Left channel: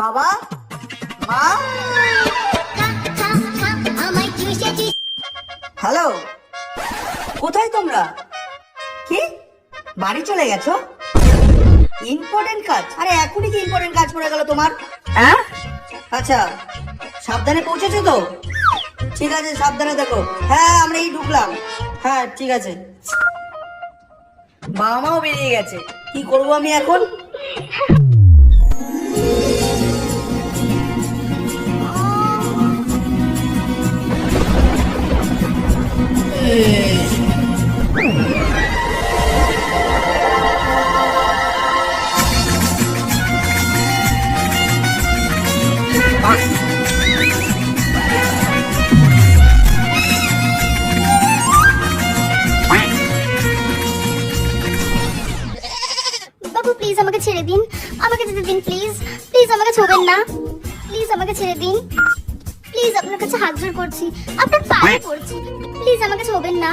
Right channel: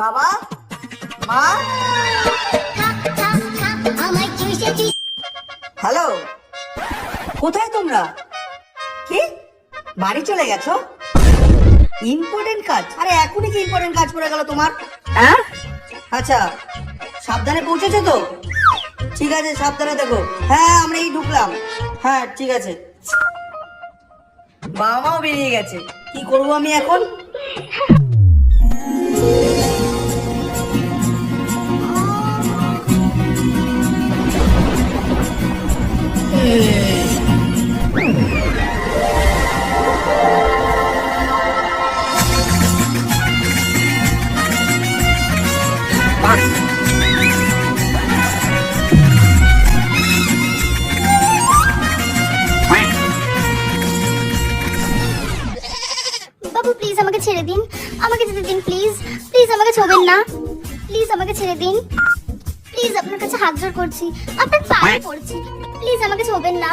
বাবা, মা, হ্যালো, কোথায় তোমরা? কি বাড়ি চলে গেছো? ইম্পর্টেন্ট কাজ? আরে এখনই কি ইম্পর্টেন্ট কাজ পড়ে গেল তোমার? হ্যাঁ, আচ্ছা, সাবধানে পৌঁছেছো তো? ঠিক আছে, সাবধানে দেখো। হ্যাঁ, আমরা এই ঢুকলাম। হ্যাঁ, ঠিক আছে। বাবা মাও বেরিয়ে গেছে, কি করবো আমি এখন? বাবু প্লিজ আমাকে ছেড়ে দিন, আমাকে যেতে দিন প্লিজ। প্লিজ আমাকে ছোবেন না, প্লিজ আমাকে ছেড়ে দিন। প্লিজ আপনার কাছে হাত জোড় করছি, আপনার পায়ে পড়ছি, প্লিজ আমাকে ছোবেন না,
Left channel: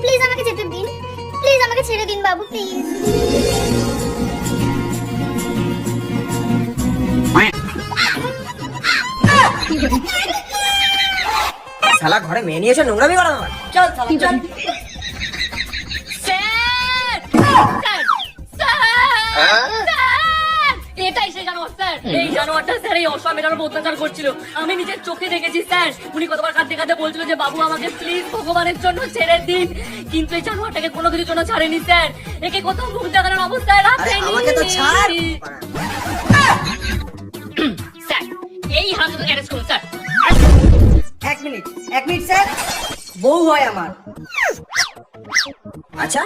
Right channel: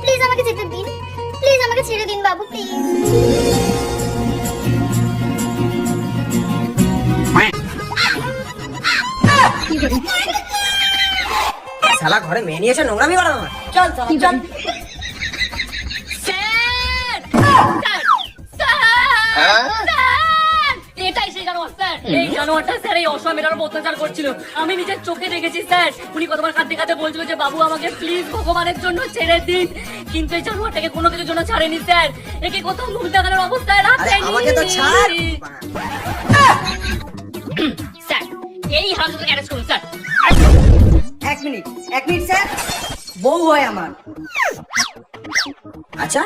প্লিজ আমাকে যেতে দিন, প্লিজ আমাকে ছেড়ে দিন বাবু প্লিজ। শালা ঘরে মেয়ে নিয়ে এসে নোংরামি করা আমার। চল শালা চল। এটাই শেখানো স্যার। এই জানোয়ারটা স্যার এই অসহায় মেয়েটার উপর অত্যাচার করছিল, আমি নিজের চোখে দেখেছি স্যার। উনি কতবার কাঁদতে কাঁদতে বলছিল যে বাবু আমাকে প্লিজ ভগবানের জন্য ছেড়ে দিন, কিন্তু এই জানোয়ারটাকে কোনো কিছুর জন্য ছাড়েনি স্যার। একে কোথাও মুখ দেখানোর অবস্থায় রাখেনি। আমাকে তো ছাড়। স্যার এই হারামজাদাকে অ্যারেস্ট করুন স্যার। এক মিনিট স্যার, বউ হয় আমার। আচ্ছা,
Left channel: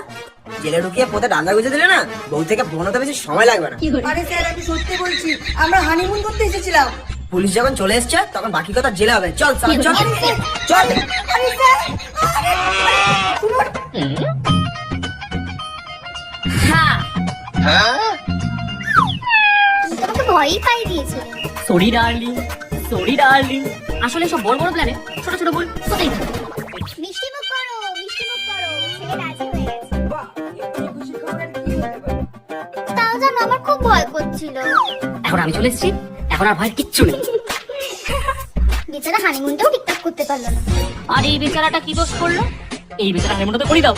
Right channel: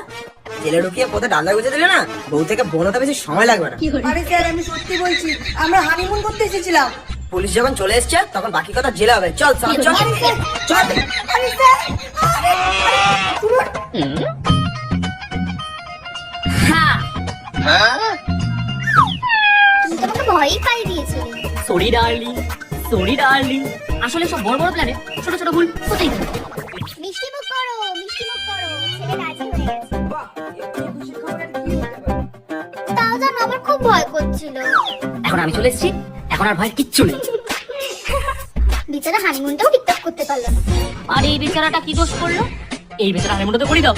জেলে ঢুকিয়ে কোথায় ডাঙ্গা গুঁজে দিলে না, বউ থেকে বোন হতে বেশি সময় লাগবে না। আরে স্যার, আমি সত্যি বলছি, আমরা হানিমুন করতে এসেছিলাম। পুলিশ যখন চলে এসছে তখন বাকি কথা জেলে হবে। চল চল চল চল। আরে স্যার, তুমি তোমাকে ভয়ই পাই দিয়েছিলে। Sorry darling, sorry darling. আসলে সব বড় বড় প্ল্যানে ছোট ছোট ভুল কোথায়? মিষ্টি মুখ করো, মিষ্টি মুখ করো, ছেলে রাজি হয়ে গেছে। তাও জানো আমার খুব ভয় করছিল। এখন আমি চলে এসেছি, এখন আর ভয় কিচ্ছু নেই। বেচারা হানিমুনটাও ঠিকঠাক করতে পারলে না। আর এই বেচারাটা কি দোষ করলো? এই বেচারা হানিমুনটা তো করে দাও।